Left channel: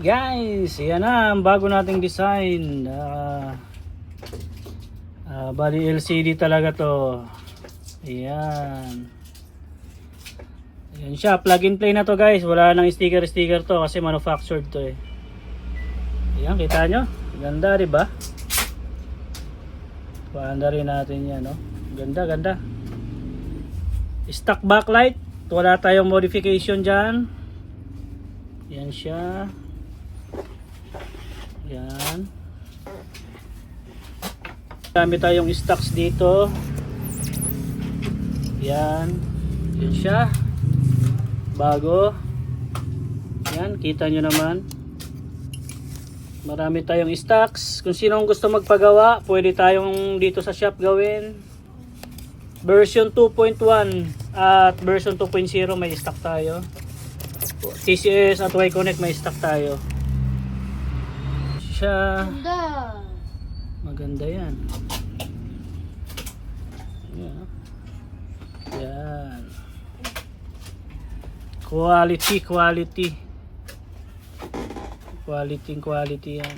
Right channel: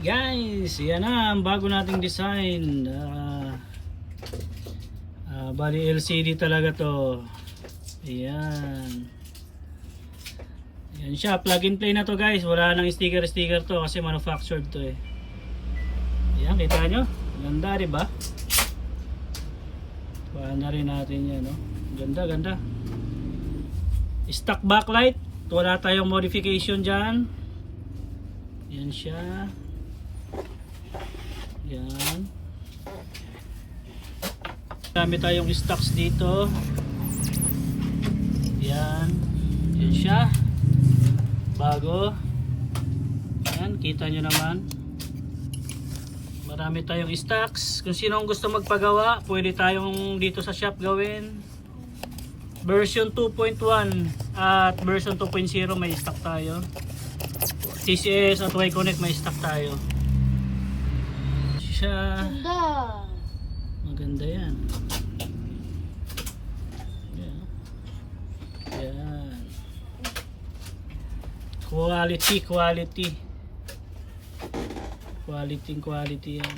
Guys, yan na ang bago nating design. Bali LCD talaga to. Ayan. Ayan siya, plug and play na to guys. Wala nang sticker to kasi manufactured to eh. Ayan, kita nyo? Ganda, diba? Paanda rin natin yan, no? Ganda. Stock backlight. Wala tayong modification dyan. Yan siya. Yan. Dami tayong stocks dito. Yan. Yan siya. Bago. Yan. Kita nyo naman. Marami tayong stocks. Kung sino ang gusto magpagawa, pwede tayong dito sa shop gawin. Version 2.1 at version 2.0 may stock tayo. TCS at Y-Connect may stock tayo. Siya. Maganda yan. Yan. Quality yan.